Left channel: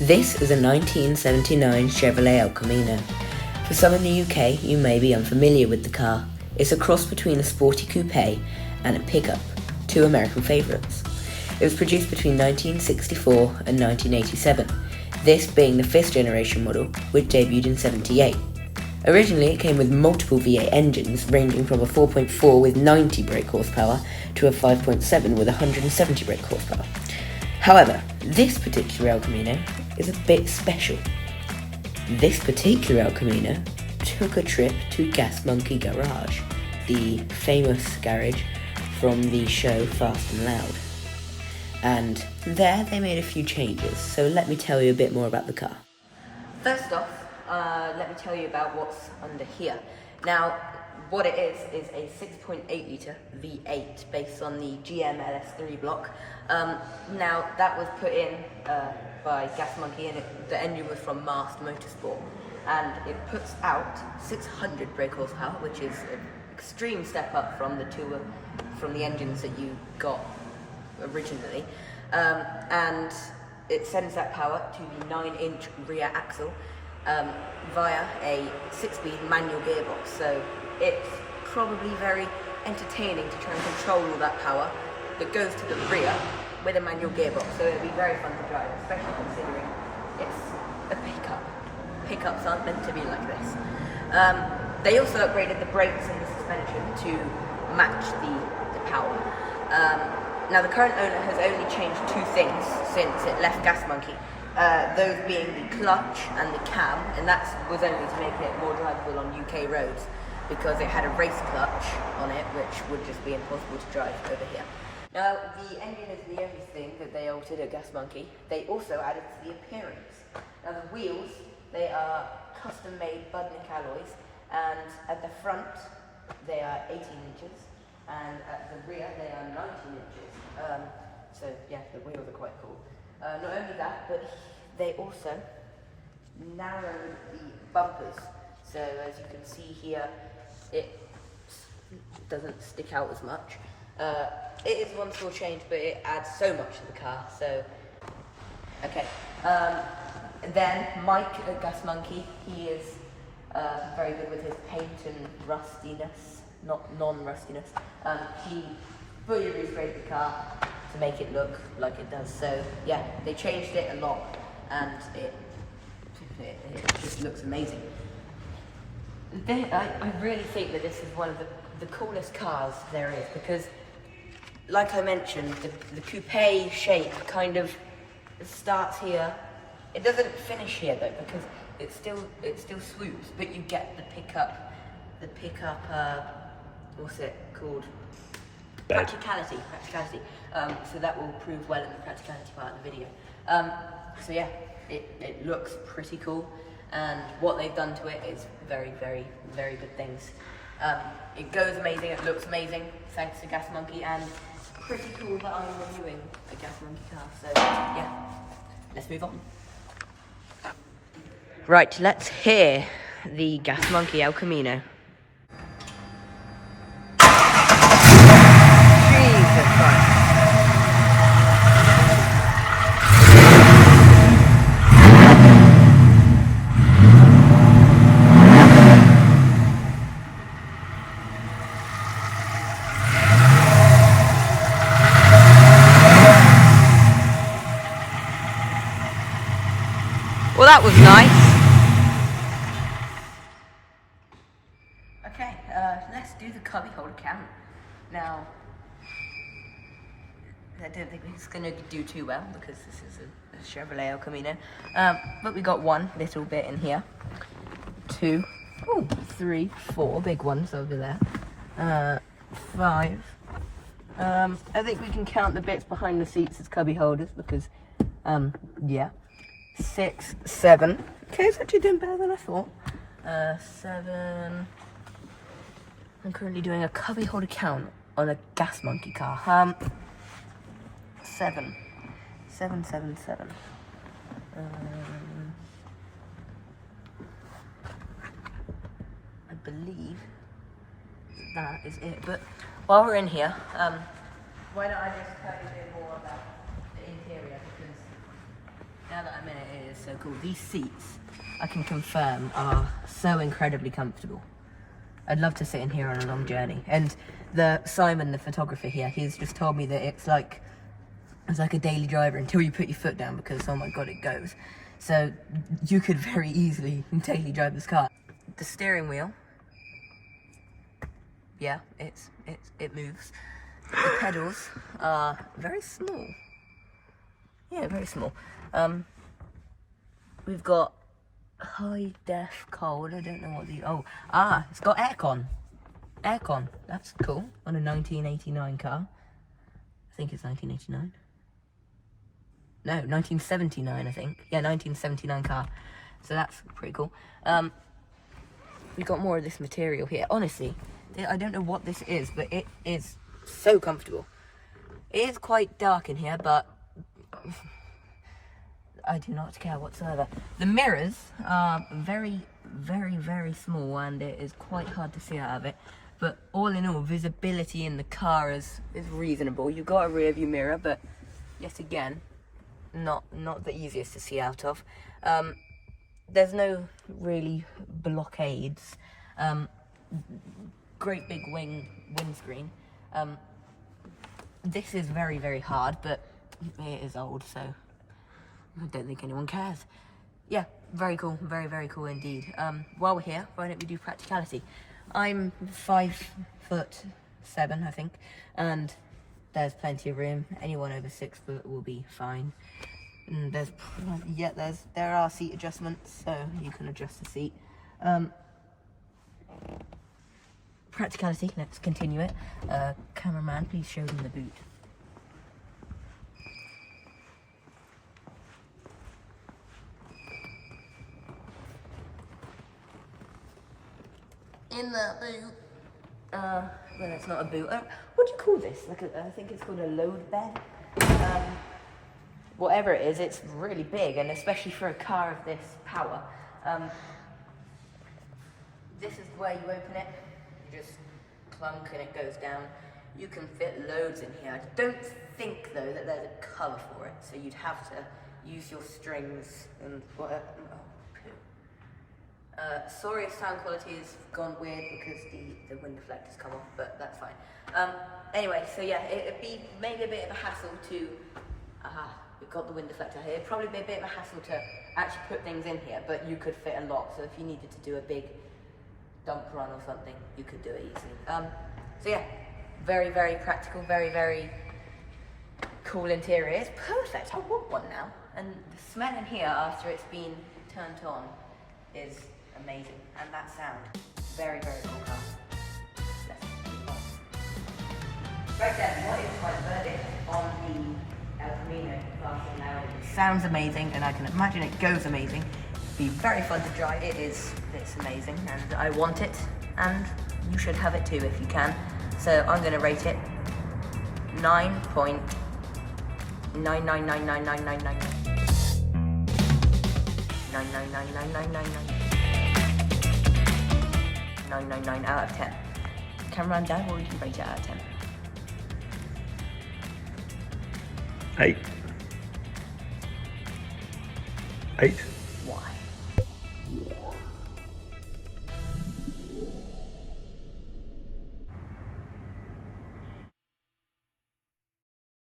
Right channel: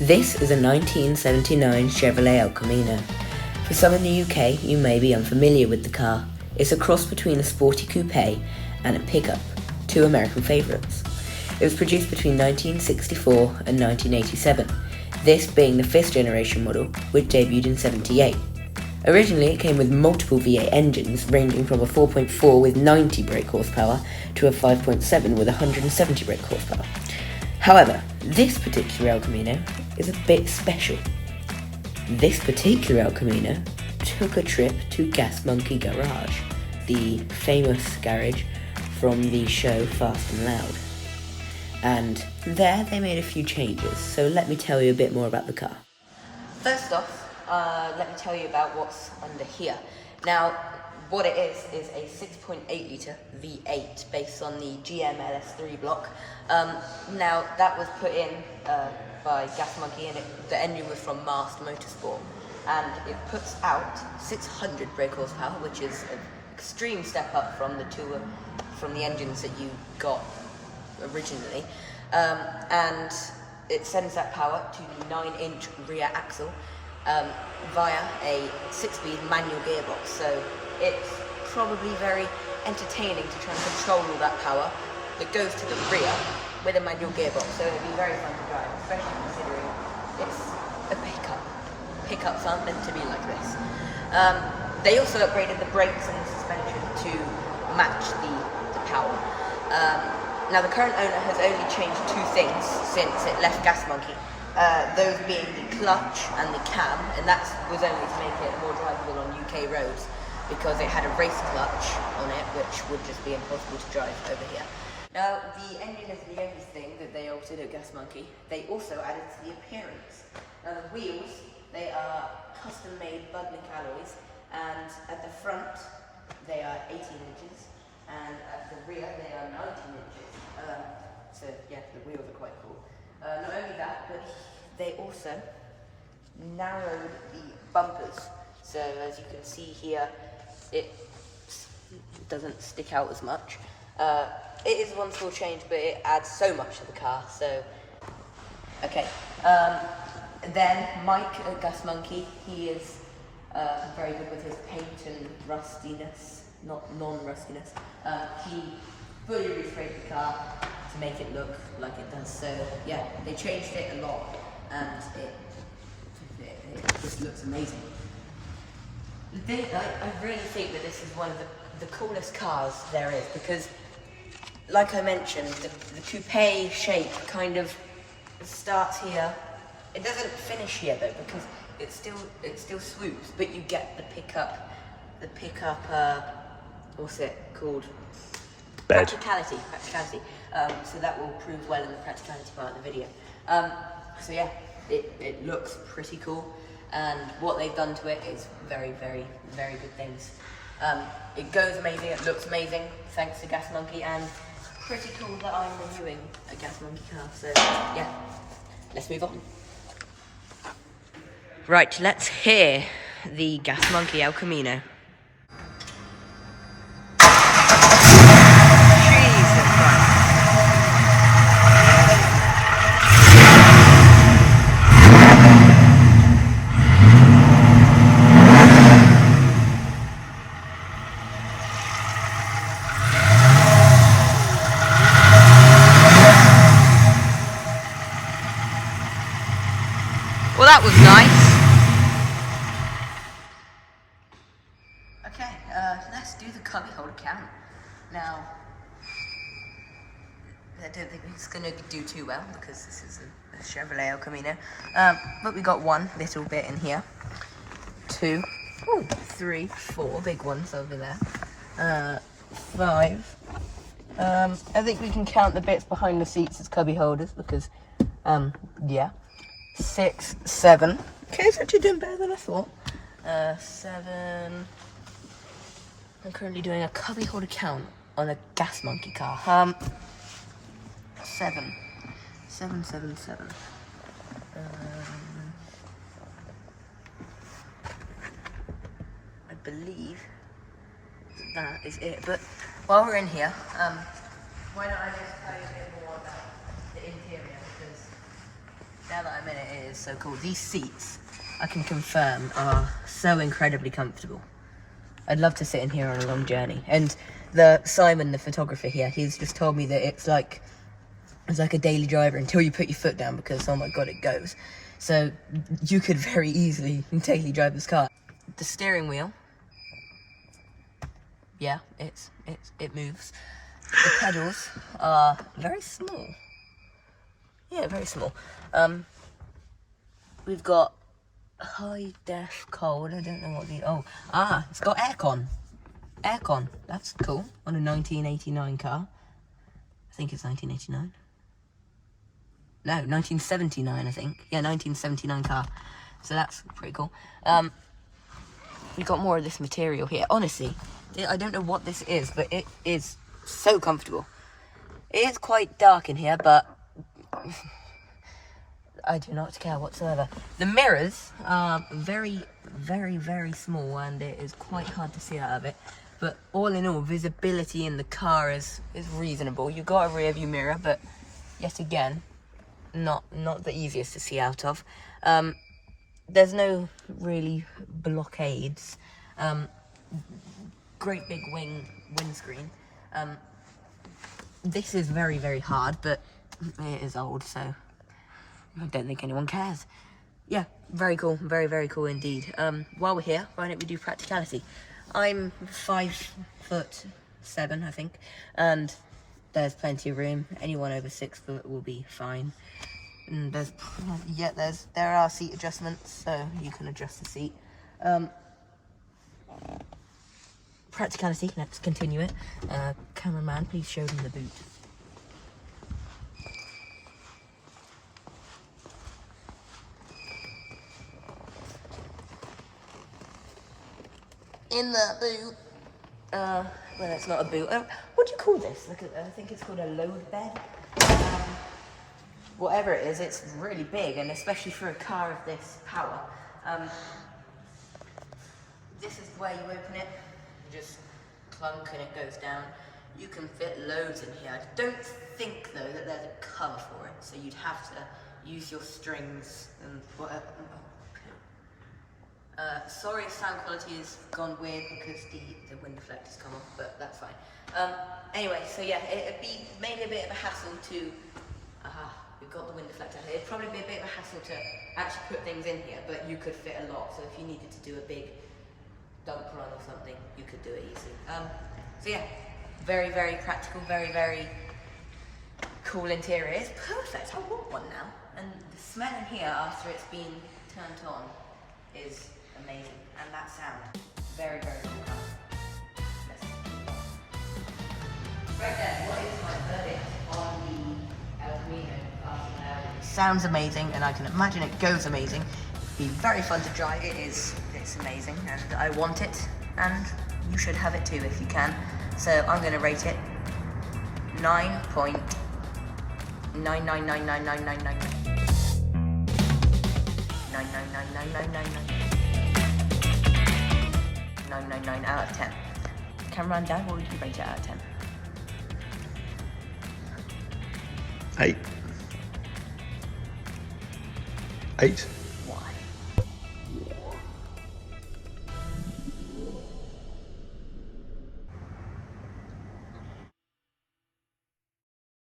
This is a 1979 Chevrolet El Camino. For some in the UK, you may be unfamiliar with the car. It's a cross between a sporty coupe and a pickup, two American favourites. It was produced between 1964 and 1987, this being the fifth generation model, which debuted in '78. Originally, it came with multiple V8 engines, ranging from a 4.4 with 90 brake horsepower to a 5.7 with 170 brake horsepower. However, this particular El Camino is a bit special. This particular El Camino took a trip to Gas Monkey Garage, the famous garage from the show Fast and Loud. And there they made a few changes, so let me tell you a bit more about the car. First off, let me tell you about what's under here. Now, what it is a 6.8 litre V8 based on the GM LS3 block. Now, that was put in by Gas Monkey, and the engine was from Mast Motorsport, and it puts out 600 brake horsepower, which is an extreme step up from the engines that you got originally, and it sends that power to the 9-inch rear axle via a 6-speed manual gearbox. So it's probably very entertaining to try and control all that power that goes to the rear with a manual gearbox. So it'll be very fun to drive, especially considering it's a pickup. Pickups aren't meant to be like this. They also upgraded the brakes and the suspension to match the power. Now, the current owner has only changed two things since it left Gas Monkey. Those being the clutch and the cam, and that was only to make it more drivable on UK roads, because it had a race clutch on it, which would just be impossible to drive over here. Now, the engine isn't the only thing that they altered at Gas Monkey. They also added to the appearance. Now, the wheels, they are custom-made Budnick alloys, and at the front, they are 18 inches, and at the rear, they are 19 inches. So, yeah, the wheels are quite cool. Not only that, but they also narrowed the bumpers. So as you can see here, it doesn't stick out as much. It is one small change, but it adds so much to the car. So, okay. Then Mike at Gas Monkey, he is very good with his paint and rustiness, not non-rustiness. He fully resprayed the car to make it look like it does. So yeah, they changed it a lot, and it just looks amazing. I really think that this is one of the coolest cars there is, because like I mentioned, the coupe shape kind of starts here. It doesn't finish here though, because it still swoops, but you get the pickup, what's it called? Bed. Practicality. So that will prove well in the practicality part of the video. So yeah, it looks pretty cool, and what they've done to it is very, very, very good things. It goes amazing, it looks amazing, thanks to Gas Monkey, and pretty cool that I'm reviewing a Gas Monkey car. So yeah, let's move on. Right, let's hear the Gas Monkey El Camino. Well, that was nice. Okay, let's do the cubby holder count. Now, I don't think it's going to do too well, because this is a Chevrolet El Camino. But we got one little bit in here. 2, 3, 4 big ones over there. 5. I think we can count the bits behind the seats as cubby holders, because, yeah. 6, 7. Okay, it's actually doing better than I thought. 7. I'm currently doing a cubby holder count on a Gas Monkey car. 7. 7, 7, 7. I believe that is it. But while we're in here, why don't I just tell you a bit more about the interior? Because Now that I'm in it, it is so cool. These seats, I can confirm, are so incredibly comfortable. I'd love to sit in here on a long journey. And Simon, the photographer here, he's just told me that it's like a daily driver until you put your foot down, because oh my god, it goes. So you could very easily daily drive this car. The steering wheel, yeah, it moves. The pedals are very small. Yeah, very small. We've got high def cold. I don't know what it's got aircon. Aircon, that's cool. On a 1989 car. I think it's 1989. No, 1979, I think. Yeah, 1979 car. So that's pretty cool. You've got more of this material here. Honestly, I don't know what this is, but it is so comfortable. It is quite dark in here, but I do not care whatsoever. The mirrors are very, very, very small, and it is quite hard to see out of it. But all in all, visibility in the car is reasonable. You've got a rear view mirror, but yet again, not the easiest to see out of. There's no really blockades. Great big windscreen. This is very, very hard, but it is old, so I don't think anyone cares. Yeah, very cool, very, very cool indeed. While we're here, why don't we do practicality? I'm 5'7", I think, and there's plenty of room. Anyone over 6 foot will be fine. And there are seat adjustments, so you can adjust the seat. Practicality, let's continue it. Cameraman, please show them the boot. In the boot. Well, it's not a boot. What do you call this? I think it's called a load bed. Whatever it is, it's really big, and especially for a car of this power. This is where you open it. You just clunk and it goes down. You can fit loads in here. I don't think though that there's a cover for it, so you'd have to use your strings and whatever. Sorry if sound quality has gone weird because the wind deflector's come off, but that's fine. Anyway, so yeah, it'd be maybe a bit of a hassle to, we've got the wind deflector here. It'd probably be a bit of a hassle to actually put things in here, but you could fit a lot. So if you needed to do a big dump run or something, you could do it easily. So yeah, very, very practical, very, very cool interior. It's perfect, I want one now. And the smell in here after it's been turned on is amazing. And that sound, very, very cool car. Let's move on. Right then, what is my verdict on the El Camino Practicality? It sounds amazing, and I can imagine it goes amazing. Be very fun to drive. It's amazing, and I want it, and you should have it too if you can. So I'm going to rate it 9.9999999. 999 out of 10. Cameraman Dad, what would you rate it out of 10? 8. 8.